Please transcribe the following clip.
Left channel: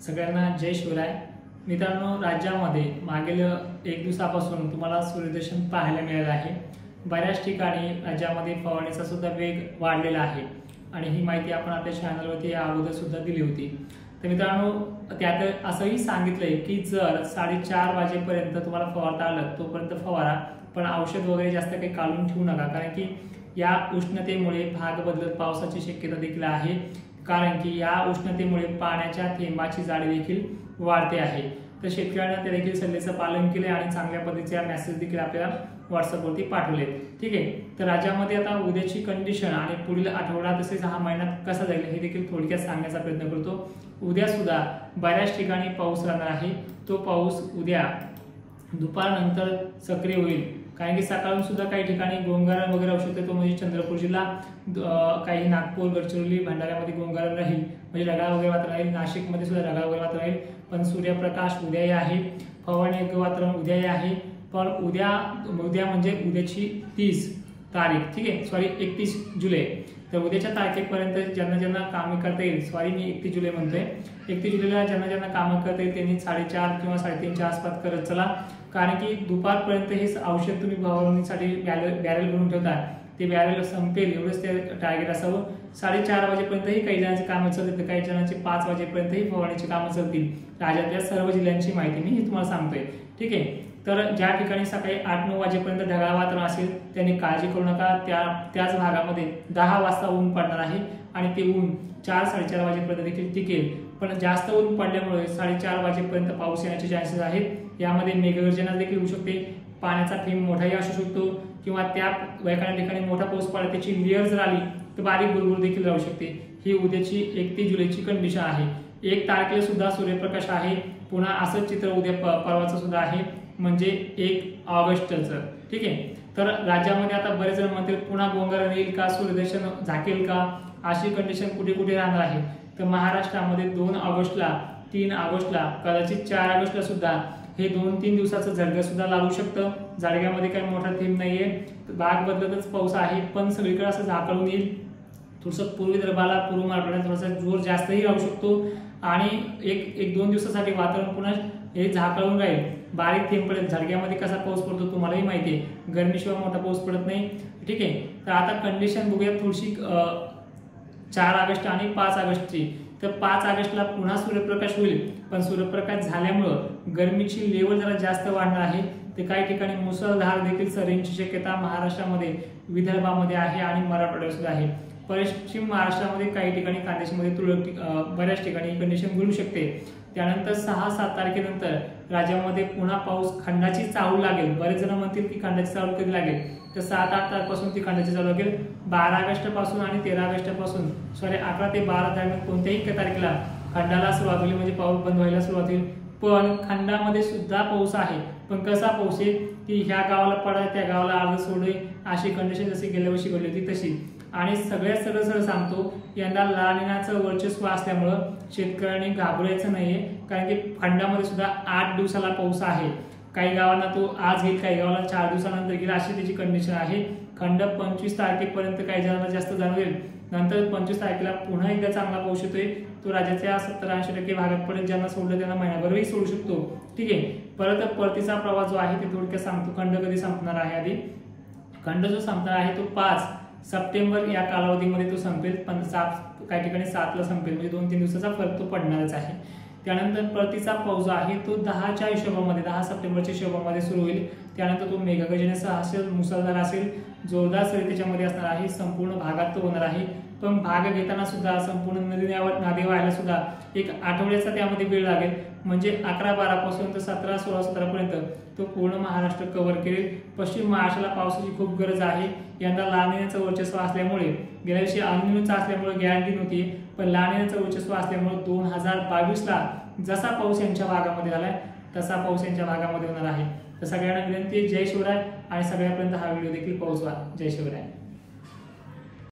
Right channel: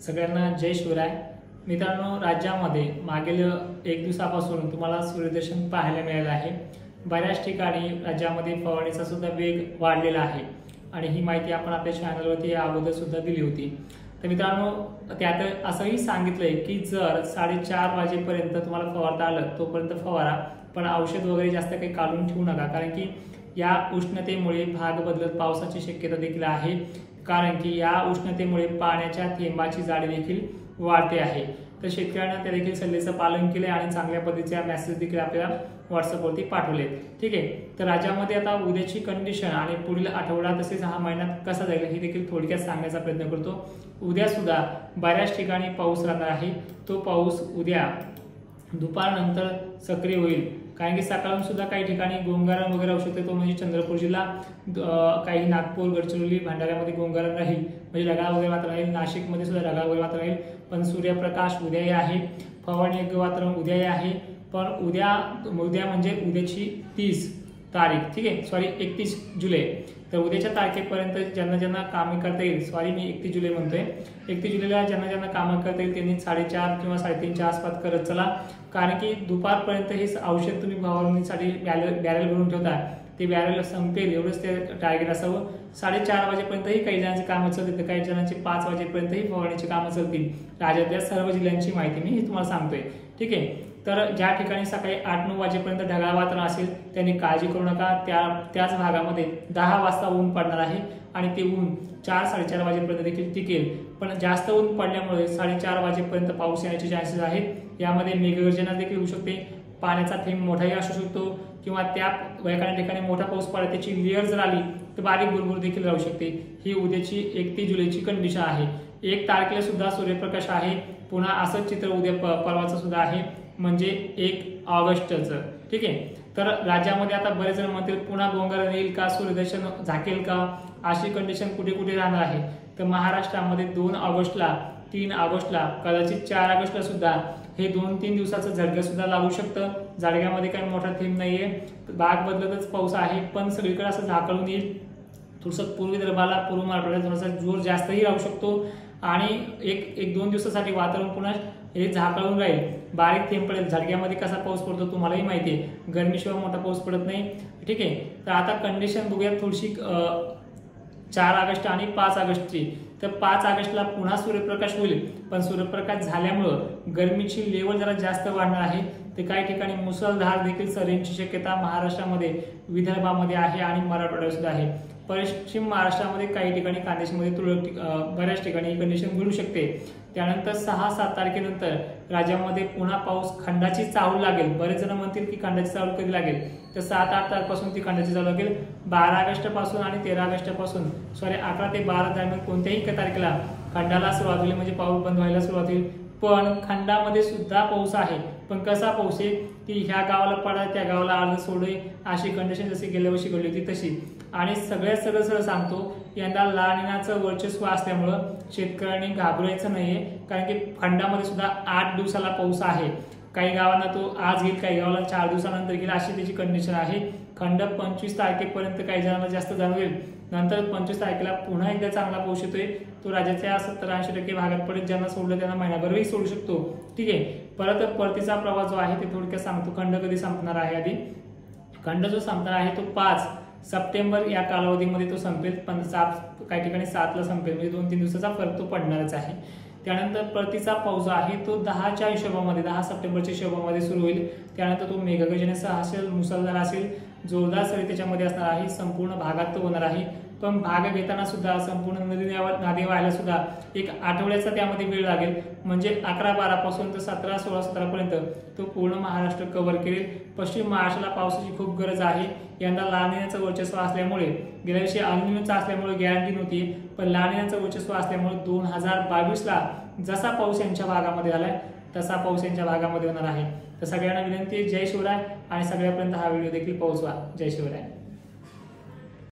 सगळ्यांना जय शिवराय। मित्रांनो, राज्यामध्ये मागील एक दिवसापासून तुम्हाला सूर्यदर्शन पाहायला मिळालं आहे। बऱ्याच ठिकाणी राज्यामध्ये फवारणीचा सुद्धा वेग वाढलेला आहे आणि ही माहिती आपण आपल्या चॅनलवरती अगोदर सुद्धा दिली होती। तर मित्रांनो, त्यात असंही सांगितलंय की जर 4:30 वाजेपर्यंत तुम्हाला फवारता आलं तोपर्यंत फवारा, पण औषध वगैरे जास्त काही काढून ठेवू नका, कारण की या उष्णतेमुळे भाग बदलत पावसाची शक्यता देखील आहे। कारण की या उष्णतेमुळे पाण्याच्या थेंबाची जाडी देखील वाढते आहे। तर शेतकऱ्यांना त्या देखील सल्ल्याचं पालन केले आणि चांगल्या पद्धतीचे मेसेज देखील आपल्याला व्हॉट्सअपवरती पाठवले। ठीक आहे, तर राज्यामध्ये आता उद्याची कंडिशन आणि पुढील आठवडा तसेच हा महिना कसा जाईल हे देखील थोडक्यात सांगण्याचा प्रयत्न करतो। उद्या सुद्धा बऱ्याच ठिकाणी पाऊस राहणार आहे। तो पाऊस उद्या दुपारनंतर सक्रिय होईल, कारण की सकाळून सुद्धा काही ठिकाणी गोंगारण वगैरे होऊ शकते। तो म्हणजे चंद्रपूर जिल्हा, काही नागपूर, गडचिरोली, भंडाऱ्यामध्ये गोंगारण राहील, म्हणजे ढगाळ वगैरे वातावरण राहील। नाशिकमध्ये सुद्धा ढगाळ वगैरे वातावरण राहील, पण सूर्यप्रकाश उद्याही आहे, फवारणी योग्य वातावरण उद्याही आहे। पण उद्या म्हणजे उद्याची 30 तारीख, ठीक आहे, सॉरी 31 जुलै, तर उद्याच्या तारखेपर्यंत ज्यांना ज्यांना कामे करता येईल, सॉरी मी 31 जुलै म्हणतोय, 31 जुलैला ज्यांना ज्यांना कामं करता येईल त्यांनी 4:30 किंवा 3:30च्या आसपास करत चला, कारण की दुपारपर्यंत हे औषध तुम्ही फवारणीसाठी बॅरल भरून ठेवता, ते बॅरल संपेल एवढंच ते टार्गेट असावं। 4:30 वाजेपर्यंतही काही जणांची कामं चालतील, तर काही जणांची 5 वाजेपर्यंतही फवारणीची कामं चालतील। राज्यातल्या सर्व जिल्ह्यांची माहिती मी तुम्हाला सांगतोय, ठीक आहे। तर ज्या ठिकाणी सकाळी 8-9 वाजेपर्यंत ढगाळ वातावरण असेल त्यांनी काळजी करू नका, त्याच भागामध्ये 10 वाजता ऊन पडणार आहे आणि ते ऊन 4-4:30 वाजेपर्यंत देखील टिकेल। पण जास्त ऊन पडल्यामुळे 4:30 वाजेपर्यंत पाऊस येण्याचे चान्सेस आहेत। यामध्ये मेघगर्जना देखील होऊ शकते, पाण्याचा थेंब मोठाही असू शकतो, किंवा त्या एखाद्या ठिकाणी मोठा पाऊस पडला त्याची लेअर जर आली तर बारीक बुरबुर देखील राहू शकते। ही उद्याची 31 जुलैची कंडिशन आहे। 1 तारखेला सुद्धा सूर्यप्रकाश आहे, पुन्हा असंच चित्र उद्या परवाचं सुद्धा आहे, म्हणजे 1 ऑगस्टचं, ठीक आहे। तर राज्यामध्ये आता बरेच जण म्हणतील पुन्हा गोंगारण येईल का, सूर्यदर्शन झाकेल का, अशी कंडिशन कुठे कुठे राहणार आहे। तर महाराष्ट्रामध्ये 2 ऑगस्टला, 3 ऑगस्टला, कदाचित 4 ऑगस्टला सुद्धा हे 2-3 दिवसाचं झडगं सुद्धा लागू शकतं। झडग्यामध्ये काही मोठा थेंब नाहीये, भाग बदलतच पाऊस आहे, पण सगळीकडे असं झाकळून येईल। थोडंसं पूर्व विदर्भाला, पूर्व मराठवाड्यात थोडासा जोर जास्तही राहू शकतो आणि एक 2 दिवसासाठी वातावरण पुन्हा हे झाकळून राहील, बारीक थेंब पडेल। झडग्यामध्ये कसा पाऊस पडतो तुम्हालाही माहिती आहे, गरमीशिवाय मोठा पाऊस पडत नाही, ठीक आहे। तर आता कंडिशन बघूया थोडीशी 4 ऑगस्ट आणि 5 ऑगस्टची। तर 5 ऑगस्टला पुन्हा सूर्यप्रकाश होईल, पण सूर्यप्रकाश झाल्यामुळं गरमीची लेवल जरा जास्त वाढणार आहे। ते काही ठिकाणी मुसळधार देखील सरींची शक्यता महाराष्ट्रामध्ये, विदर्भामध्ये आहे आणि मराठवाड्यात सुद्धा आहे। पश्चिम महाराष्ट्रामध्ये काही ठिकाणी कांदेशीमध्ये बऱ्याच ठिकाणी कंडिशन घडू शकते। त्यानंतर 6-7 तारखेनंतर राज्यामध्ये पुन्हा पाऊस खंडाची चाहूल लागेल। बरेच जण म्हणतील की खंडाची चाहूल कधी लागेल, तर 7-8 तारखेपासून ती खंडाची चाहूल लागेल। 12 ऑगस्ट पासून आणि 13 ऑगस्ट पासून, सॉरी 11 ते 12 दरम्यान कोणत्याही तारखेला खंडाला सुरुवात होईल, म्हणजे पाऊस बंद व्हायला सुरुवात होईल। पण खंडामध्ये सुद्धा पाऊस आहे, पण कसा पाऊस आहे की ह्या गावाला पडा त्या गावाला अर्ध सोडे, अशी कंडिशन जशी गेल्या वर्षी घडली होती तशी। आणि सगळ्यात सरळ सांगतो, यंदा ला निनाचं वर्चस्व असल्यामुळं शेतकऱ्यांनी घाबरायचं नाहीये, कारण की खंडामध्ये सुद्धा 8 दिवसाला पाऊस आहे। काही गावांना तो आज घेईल, काही गावाला 4 दिवसानंतर घेईल, अशी त्याची कंडिशन आहे। खंड 25 तारखेपर्यंत काही जणांना जास्त जाणवेल, नंतर 25 तारखेला पुन्हा एकदा चांगला पाऊस येतोय। तो राज्याच्या 70-80% भागात पडेल, ज्यांना सोडलं त्यांना महिनाभरही सोडू शकतो, ठीक आहे। परत परतीचा प्रवास जो आहे ते थोडक्यात सांगतो। खंड कधी संपणार आहे, आधी खंड जो संपणार आहे तो 5 सप्टेंबर या कालावधीमध्ये तो संपेल, पण काही ठिकाणी 7ला संपेल, म्हणजे 2-3 दिवसाचा फरक तो पडणारच आहे। त्यानंतर परतीचा पाऊस जो आहे तो 10च्या हिशोबामध्ये, 10 सप्टेंबरच्या हिशोबामध्ये सुरू होईल। त्यानंतर तो मेघगर्जनेसह असेल, मुसळधार असेल, जोरदार सरी त्याच्यामध्ये असणार आहे, संपूर्ण भागात तो होणार आहे। पण भाग घेताना सुद्धा संपूर्ण नदी व्हायला सुद्धा 1 आठवड्याचा त्यामध्ये वेळ लागेल, म्हणजे 11-12 पासून तर 17-16-17 पर्यंत तो पूर्ण महाराष्ट्र कव्हर करेल। पश्चिम महाराष्ट्राला पावसाची खूप गरज आहे। यंदा ला निनाचं वर्चस्व असल्यामुळे, गेल्या वर्षी अल निनोचं असल्यामुळे गॅरंटी नव्हती, पण ला निनाचं वर्चस्व असल्यामुळे 2022ला जसा पाऊस यांच्या भागामध्ये झालाय तसा पाऊस यांच्या भागामध्ये होणार आहे। तर सगळ्यांना विनंती आहे, जय शिवराय, आणि सगळ्यापर्यंत हा व्हिडिओ देखील पोहोचवा। जय शिवराय।